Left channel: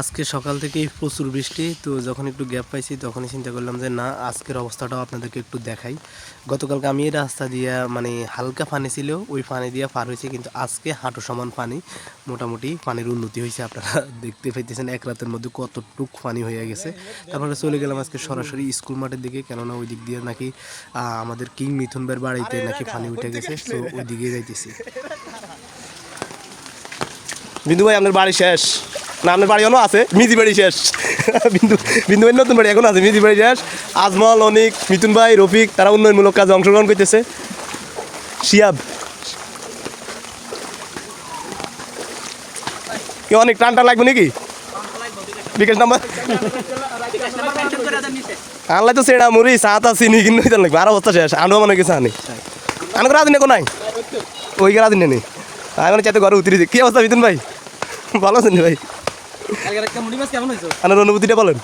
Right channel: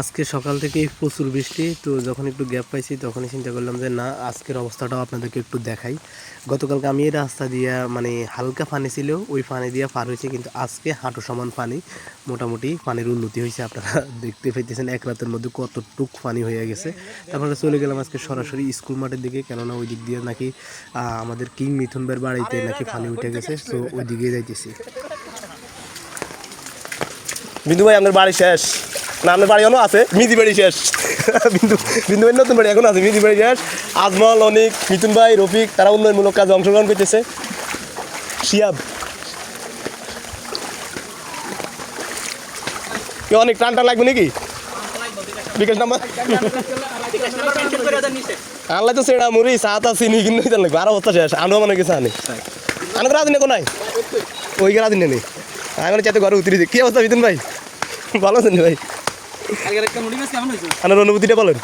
আজকে সকাল থেকেই প্রচুর বৃষ্টি, তো যখন একটু গ্যাপ পাইছি তখনই চিন্তা করলাম যে, না, আজকের অবস্থাটাও আপনাদেরকে একটু দেখাই। গতকালকে আমি এই রাস্তা দিয়া মানে হালকা পানি ছিল, ওই পানি দিয়া পার হয়েছে, কিন্তু আজকে হাঁটু সমান পানি, মোটামুটি পানির উন্নতি হয়েছে, আপনারা দেখতে পাইতেছেন এক রাতের মধ্যে কতটুক পানি হয়ে গেছে। তারপরে চলে গেলাম আজকে সরাসরি স্কুল মাঠের দিকে, কেননা ওই দিক দিয়ে নাকি আমাদের কিং মিথুন ভাইয়ের বাড়িতে নাকি পানি উঠে গেছে, তো ওই দিকে যাইতেছি। বিন্দু ভাই, আপনার বাড়ি শেষ। না, আপনার বাড়ি এখনও আছে? মিদি বাড়ি শেষ। বিন্দু বিন্দু ভাই নতুন বাড়ি এখনও আছে মিদি বাড়ি শেষ। আজমল, অনিক, মিথুন ভাই, রফিক, তারা উন্নয়নমূলক কাজে অংশগ্রহণ করতেছে। শিয়াব। কি অনেক, টান টান লাগবে নাকি? বিকাশ নাম্বার আনলাই তো সেটা মুড়ি সাত চিনি কিনে হইতে লাগবে। আর অবস্থা শেষ। আনো মনে কিছু আনি। আনো রাত নেই নাই। ওই রাত নেই। আমি মানে চাতে ঘরে উতরি কি অবস্থা মিথুন ভাই? ভালো আছেন ভাই? আপনার অনুভূতিটা বলেন।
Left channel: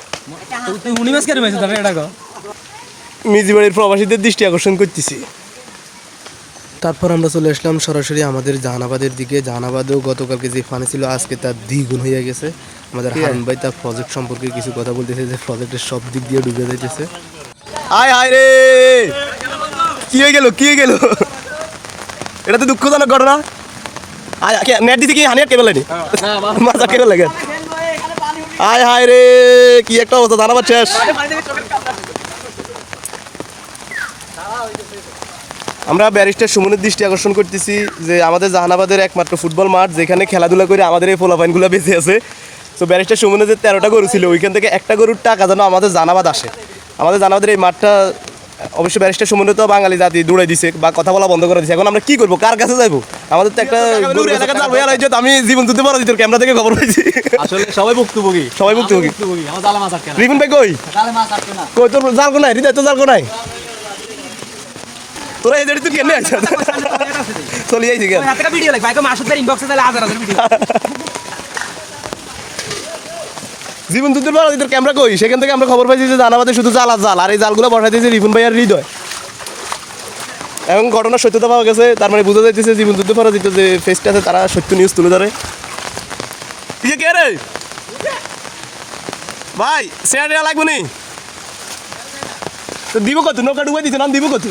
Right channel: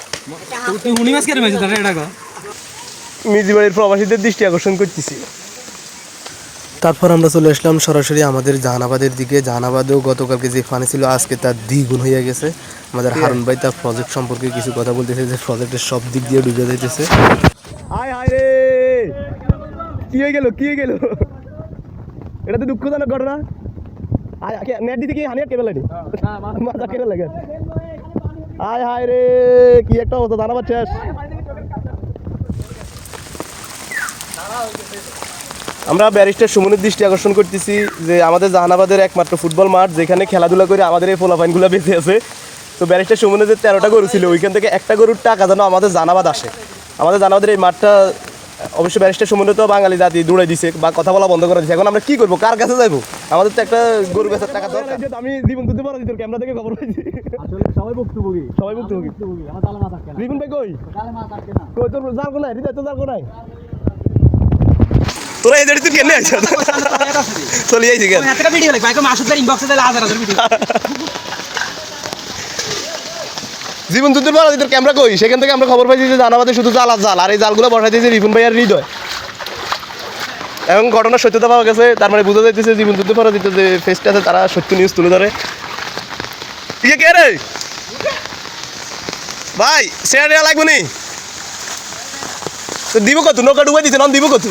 মিজি প্রবাসীদের দৃষ্টি আকর্ষণ করতেছি। তারপর আমরা চলে আসলাম সরাসরি আমাদের জাহানাবাদের দিকে। জাহানাবাদেও গতকালকে যে পানি ছিল আজকে তার দ্বিগুণ হয়ে গেছে। আমাদের হারুন ভাই তার প্রজেক্ট সম্পর্কে কিছু কথা বলতেছে যে প্রজেক্টের সব দিক দিয়ে ডুবে যাইতেছে। আয় হায় রে! কি হয়ে গেল কি হয়ে গেল? এটা তো দুঃখজনক ঘটনা। আয় নেট দিতে কি? হানিয়া কেবল নি মাথা কেবল লাগে। আয় হায় রে, কি একটা অবস্থা দাঁড়াবার শেষ। আমরা ব্যারিস্টার সুমনের দৃষ্টি আকর্ষণ করতেছি যে আমাদের জাহানাবাদের একমাত্র ফুটবল মাঠ, যেখানে খেলাধুলা করে আমাদের এই ফোলাফাইনগুলো বেঁচে আছে। তো ব্যারিস্টার সুমনের যে তেরোটা গরু ছিল, ওইখান থেকে একটা গরুর টাকা যেন আমাদের জানাবাদ আসে। আমাদের জানাবাদের এই মাঠটা অবশ্য ব্যারিস্টার সুমনে তো বাঙালি জাতি দৌড়াই দিছে বা কথা বলা বন্ধ করে দিছে। এখন আমরা কি করব? কার কাছে যাইবো? আমাদের তো একটা আমি জীবন তুলতে পারো তোর ক্যামেরা থেকে খবর পাইছি। আসলে সবাই ভুক্তভোগী। সবাই ভুক্তভোগী। রিপন ভাই কই? কই তোর জাল কোনায়? হৃদয় তোর জাল কোনায়? তোরা জায়গায় তুই কেন চলে যাইছি কেন? হাতে ভিডিও লাগ ভাই মাসুদ ইনবক্সে তাহলে হাজার হাজার ভিডিও জীবন যুদ্ধের পর তোর ক্যামেরা কই? সেখান থেকে আমরা খবর পাইছি যে জানাবাদে শুধু জাল আর জাল, আর এই জালগুলো বসাই দিয়েছে রিপন ভাই আর হৃদয়। এবং ঘটনার সত্যতা পাওয়া গেছে তার মানে বোঝা যাইতেছে জীবন যুদ্ধ পরাজিত যে ফেসটা আছে, তারা সত্য নিউজ তুলে ধরে। ইয়ে কে রে? ভাই শেয়ার লাগবে নি? তো দিব কত? নৌকা ডুবাই দিতে, নাম দিব কত?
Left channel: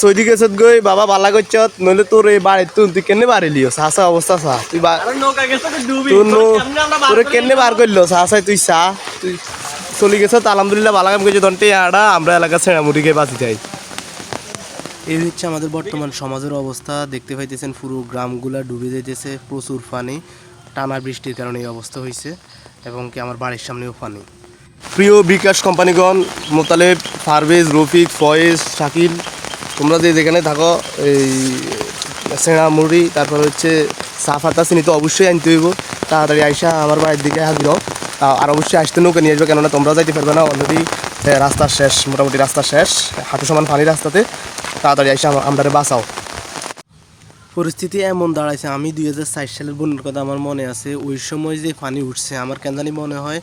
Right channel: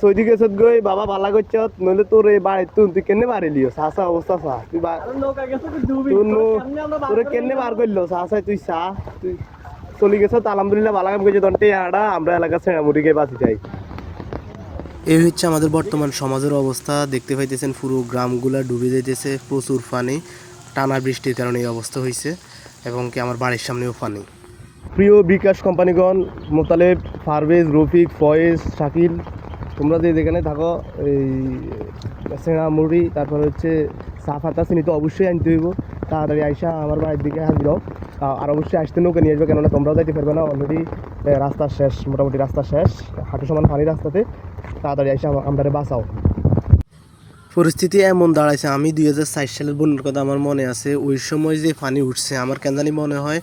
সৈদি গেছত গই বাবা বালা করছত নইলে তোর এই বাড়ি তুই তুই কেনে বাড়ি লিও সাসা অবস্থা সা তুই তোর কেনে বার করল সাসাই তুই সা তুই চলি গেছ আলহামদুলিল্লাহ ভালো কাম করছে দন্টে আড়া আমরা এলাকা ছেড়া মুড়িকে বাঁচি যাই। এই হচ্ছে আমাদের বর্তমান সমাজের অবস্থা। দেখতে পাইতেছেন পুরো গ্রামগুলা ডুবে যাইতেছে প্রচুর পানি। টানা বৃষ্টির কারণে এই অবস্থা হয়েছে এবং কি আমার বাড়ির সামনেও পানি। প্রিয় বিকাশ কোম্পানিগণ মোতালেব ফারভেজ রফিক ফয়েজ শাকিল তোমরা যে যেখানে থাকো, এই সেনা মুড়ি, তারপর হচ্ছে সাফাতা চিনি তো অবশ্যই আনতে হইব। তাড়াতাড়ি আইসা আমার বাড়ির দিকে হাজির আর অবশ্যই আসতে নৌকে নিয়ে আসবে, কেননা তোমরা যাইতে পারবে না। অলরেডি রাস্তা শেষ, মোটামুটি রাস্তা শেষ, হাঁটু সমান পানি রাস্তাতে। তাড়াতাড়ি আইসা আমরা বাঁচাও। পরিস্থিতি এমন দাঁড়াইছে, আমি দুই হাজার সালের বন্যার কথা আমার মনে আছে, ওই সময় যে পানি উঠছে, আমার কেন জানি মনে হয়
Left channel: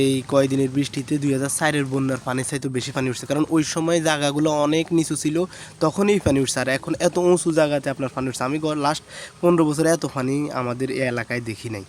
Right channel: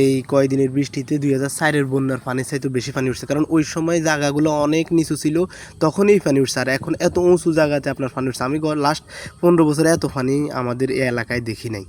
এই কয়দিনের বৃষ্টিতে দুই হাজার চারের বন্যার পানি চাইতে বেশি পানি উঠছে। কারণ ওই সময় জায়গাগুলো অনেক নিচু ছিল, তখনই পানি উঠছে। আর এখন এত উঁচু জায়গাতে আপনার পানি উঠছে। আমি লাস্ট পনেরো বছরে এত পানি আমাদের এই এলাকায় দেখি নাই।